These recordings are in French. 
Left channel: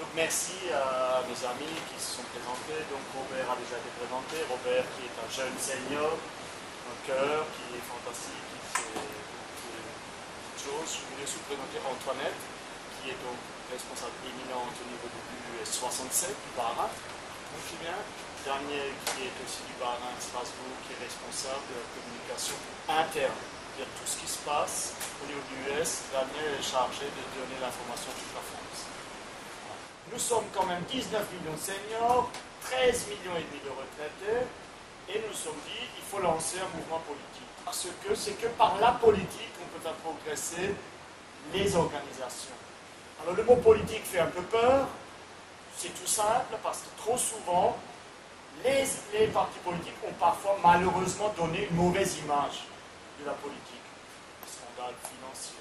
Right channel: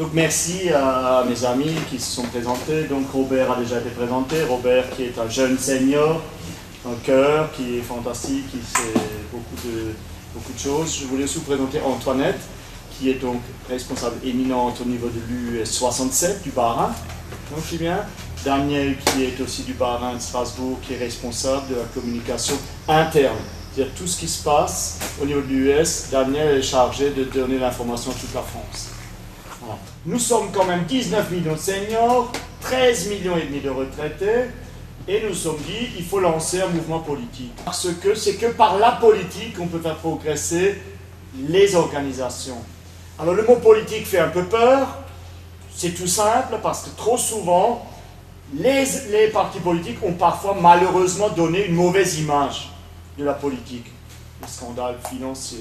Donc merci à mes amis qui se sont présentés. Donc Robert a déjà été présenté. Robert qui est un jeune senior, un cœur qui est fantastique, qui sait beaucoup de choses. Je voulais aussi vous présenter Antoinette, qui est donc responsable éminente au niveau de l'US 67 du Bas-Rhin. Donc je dis bien. Daniel qui est aussi du Bas-Rhin de Strasbourg, qui est responsable de la communication interne. C'est-à-dire tout ce qui se passe au niveau de l'US, Daniel est chargé de donner l'information à toute la France. Voilà. Nous sommes quand même 19 millions de seniors, 13 millions et demi de retraités, et nous nous sommes dit il faut lancer un mouvement politique. Parce que c'est que par la politique qu'on peut faire progresser les organisations. Alors le mot politique fait un peu peur, c'est tout simple parce que trop souvent, les partis politiques ont parfois malheureusement donné une mauvaise image de la politique. Les scandales financiers.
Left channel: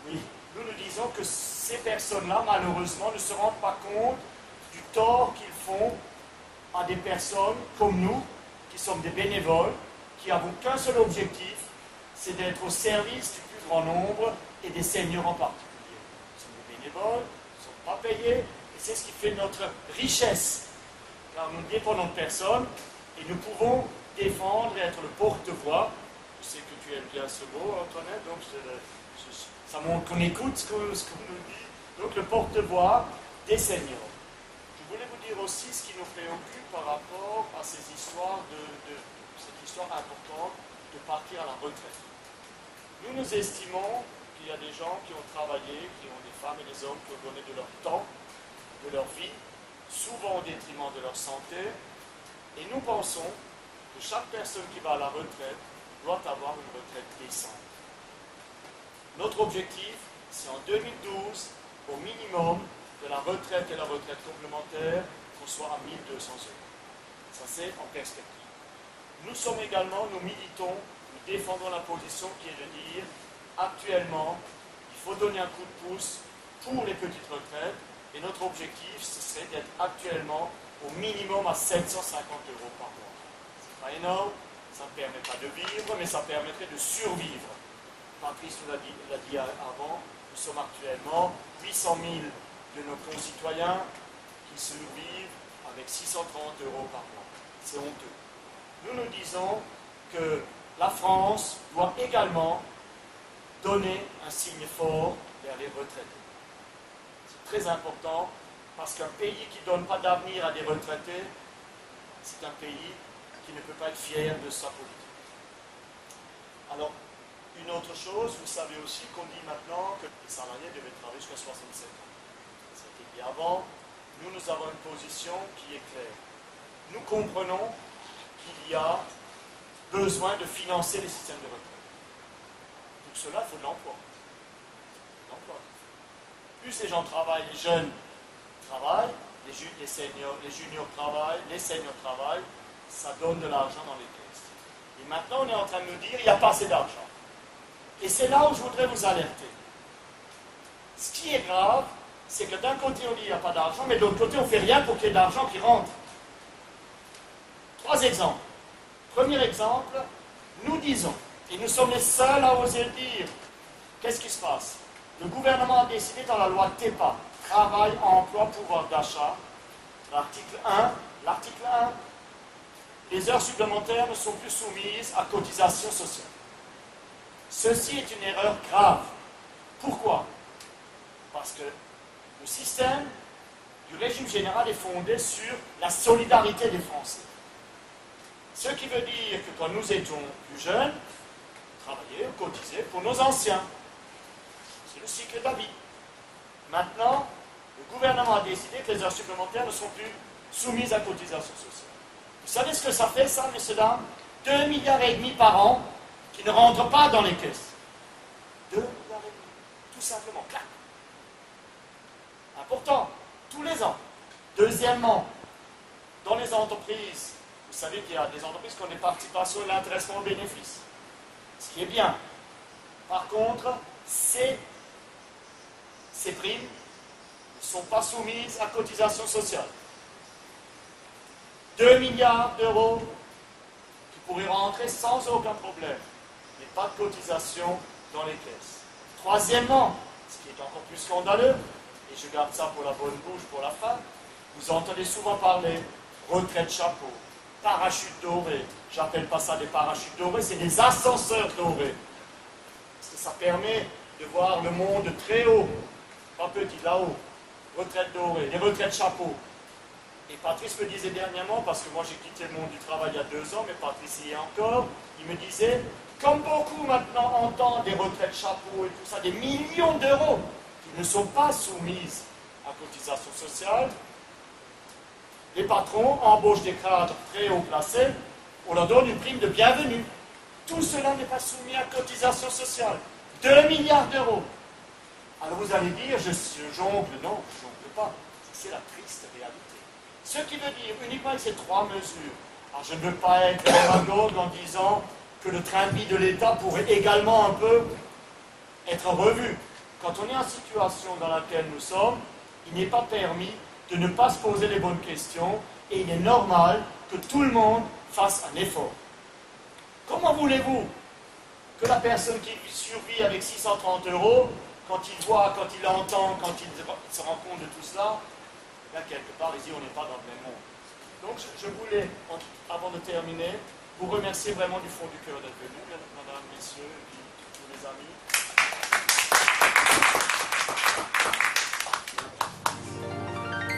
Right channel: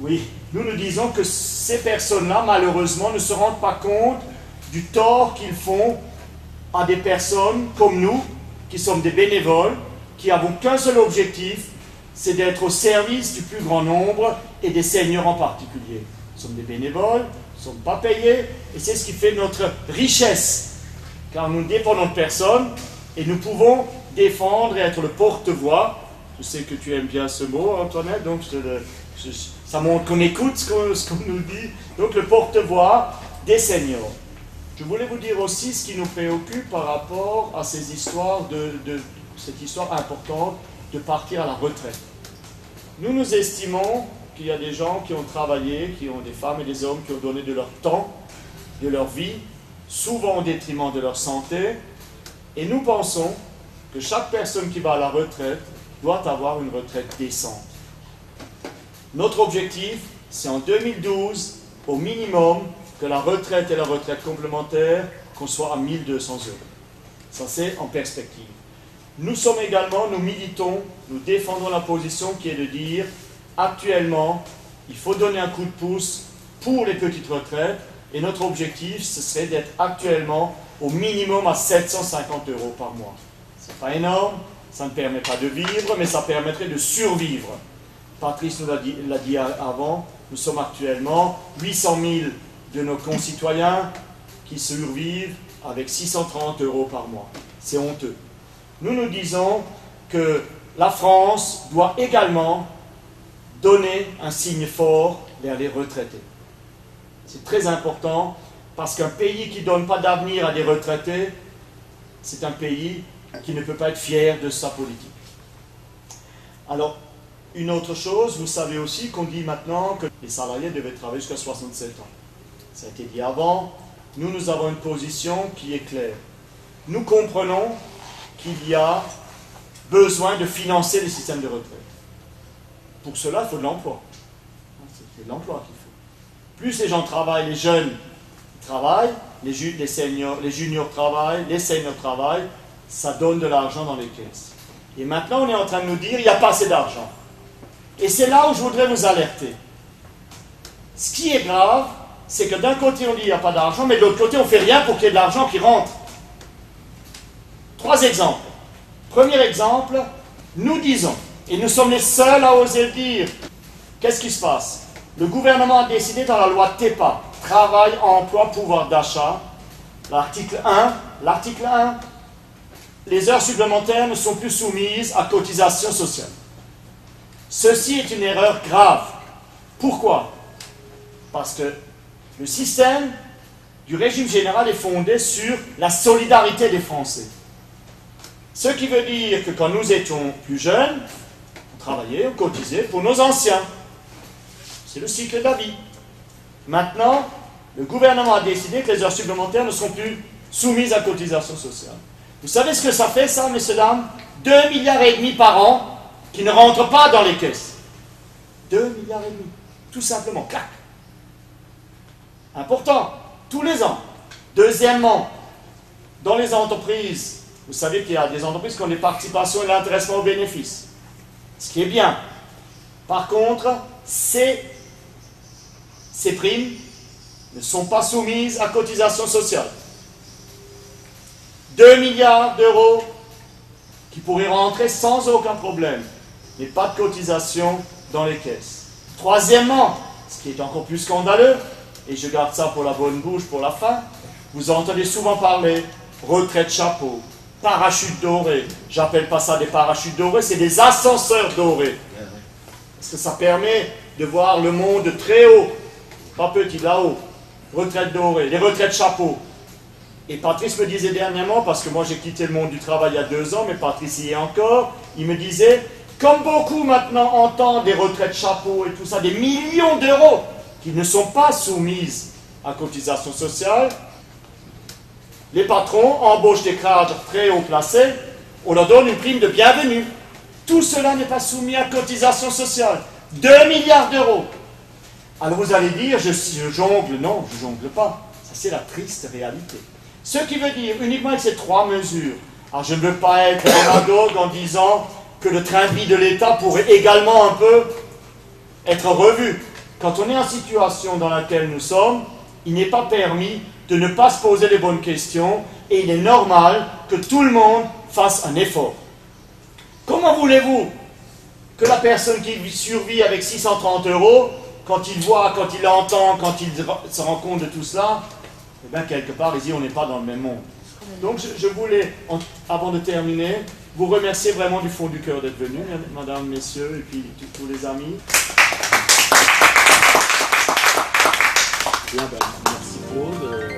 Oui, nous disons que ces personnes-là, malheureusement, ne se rendent pas compte du tort qu'ils font à des personnes comme nous, qui sommes des bénévoles, qui n'avons qu'un seul objectif, c'est d'être au service du plus grand nombre et des seniors en particulier. Nous sommes des bénévoles, nous ne sommes pas payés, et c'est ce qui fait notre richesse. Car nous dépendons de personne et nous pouvons défendre et être le porte-voix. Je sais que tu aimes bien ce mot, Antoinette, donc ça montre qu'on écoute ce qu'on nous dit. Donc le porte-voix des seniors. Je voulais vous dire aussi ce qui nous préoccupe par rapport à ces histoires cette histoire importante de partir à la retraite. Nous estimons qu'il y a des gens qui ont travaillé, qui ont des femmes et des hommes qui ont donné de leur temps, de leur vie, souvent au détriment de leur santé, et nous pensons que chaque personne qui va à la retraite doit avoir une retraite décente. Notre objectif, c'est en 2012, au minimum, que la retraite et la retraite complémentaire, qu'on soit à 1 200 €. Ça, c'est en perspective. Nous militons, nous défendons la position qui est de dire, actuellement, il faut donner un coup de pouce pour les petites retraites, et notre objectif, ce serait d'être actuellement au minimum à 750 € par mois. Ce n'est pas énorme, ça ne permet pas de vivre, mais ça permettrait de survivre. Patrice nous l'a dit avant, nous sommes actuellement 800 000 de nos concitoyens qui survivent avec 630 € par mois. C'est honteux. Nous disons que la France doit également donner un signe fort vers les retraités. C'est très important parce qu'un pays qui ne donne pas d'avenir à des retraités, c'est un pays qui ne peut pas être fier de sa politique. Alors, une autre chose, vous savez aussi qu'on dit maintenant que les salariés devaient travailler jusqu'à 67 ans. Ça a été dit avant. Nous avons une position qui est claire. Nous comprenons qu'il y a besoin de financer les systèmes de retraite. Pour cela, il faut de l'emploi. C'est de l'emploi qu'il faut. Plus les gens travaillent, les jeunes travaillent, les juniors travaillent, les seniors travaillent, ça donne de l'argent dans les caisses. Et maintenant, on est en train de nous dire qu'il n'y a pas assez d'argent. Et c'est là où je voudrais vous alerter. Ce qui est grave, c'est que d'un côté, on dit qu'il n'y a pas d'argent, mais de l'autre côté, on ne fait rien pour qu'il y ait de l'argent qui rentre. 3 exemples. Premier exemple, nous disons, et nous sommes les seuls à oser le dire, qu'est-ce qui se passe? Le gouvernement a décidé dans la loi TEPA, Travail, Emploi, Pouvoir d'achat, l'article 1, les heures supplémentaires ne sont plus soumises à cotisation sociale. Ceci est une erreur grave. Pourquoi? Parce que le système du régime général est fondé sur la solidarité des Français. Ce qui veut dire que quand nous étions plus jeunes, on travaillait, on cotisait pour nos anciens. C'est le cycle de la vie. Maintenant, le gouvernement a décidé que les heures supplémentaires ne seront plus soumises à cotisation sociale. Vous savez ce que ça fait, ça, messieurs, dames? 2,5 milliards par an qui ne rentrent pas dans les caisses. 2,5 milliards. Tout simplement, clac. Important, tous les ans. Deuxièmement, dans les entreprises, vous savez qu'il y a des entreprises qui ont des participations et l'intéressement aux bénéfices. Ce qui est bien. Par contre, ces primes ne sont pas soumises à cotisation sociale. 2 milliards d'euros qui pourraient rentrer sans aucun problème, mais pas de cotisation dans les caisses. Troisièmement, ce qui est encore plus scandaleux, et je garde ça pour la bonne bouche, pour la fin, vous entendez souvent parler retraite chapeau, parachute doré. J'appelle pas ça des parachutes dorés, c'est des ascenseurs dorés. Parce que ça permet de voir le monde très haut, pas petit, là-haut. Retraite dorée, les retraites chapeau. Et Patrice me disait dernièrement, parce que moi j'ai quitté le monde du travail il y a 2 ans, mais Patrice y est encore, il me disait, comme beaucoup maintenant entendent des retraites chapeau et tout ça, des millions d'euros qui ne sont pas soumises à cotisation sociale, les patrons embauchent des cadres très haut placés, on leur donne une prime de bienvenue. Tout cela n'est pas soumis à cotisation sociale. 2 milliards d'euros. Alors vous allez dire, je jongle. Non, je jongle pas. Ça, c'est la triste réalité. Ce qui veut dire, uniquement avec ces 3 mesures, alors je ne veux pas être démagogue en disant que le train de vie de l'État pourrait également un peu être revu. Quand on est en situation dans laquelle nous sommes, il n'est pas permis de ne pas se poser les bonnes questions et il est normal que tout le monde fasse un effort. Comment voulez-vous que la personne qui survit avec 630 €, quand il voit, quand il entend, quand il se rend compte de tout cela, eh bien quelque part, ici, on n'est pas dans le même monde. Donc je voulais, avant de terminer, vous remercier vraiment du fond du cœur d'être venus, mesdames, messieurs, et puis tous les amis. Bien, ben, merci Paul.